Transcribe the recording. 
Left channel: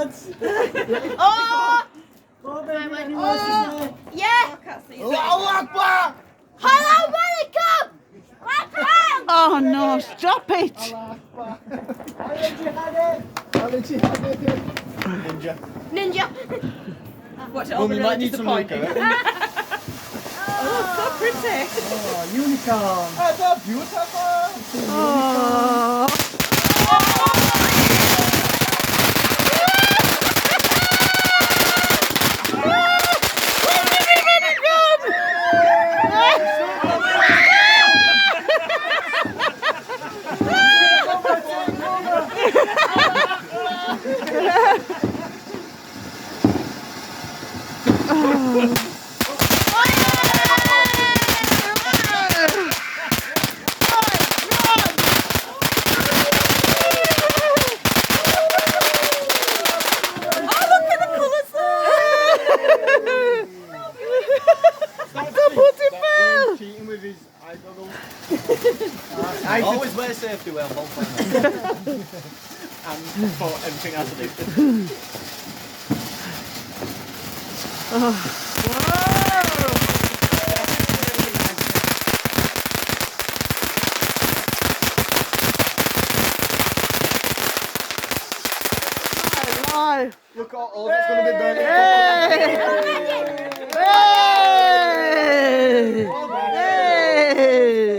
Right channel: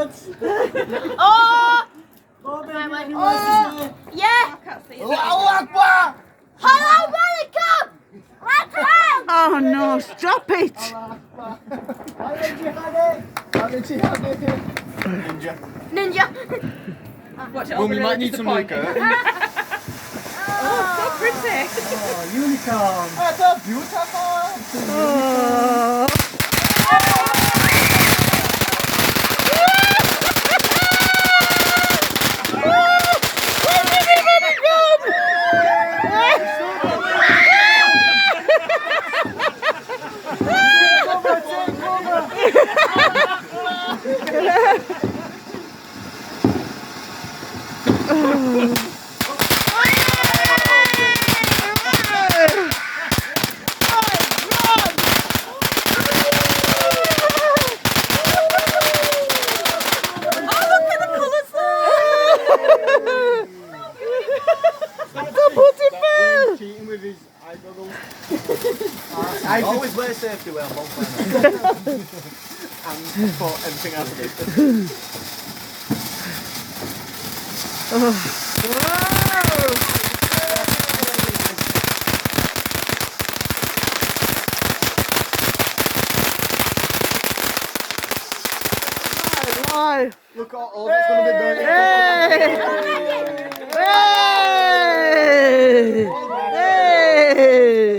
Oh! Oh, Yeah! Allahu Akbar! Hello, welcome! Oh no, stop it! Ninja. Ninja! Watch it Well, over we really might need some disappointed. Oh, so pretty. Oh, unicorn. Oh, that's beautiful. Oh. Cheating with his eye goggles. I always wear safety wear on bonfire. And for everything else to do. Why? Look at all that's going to be burning. Hey! Hey!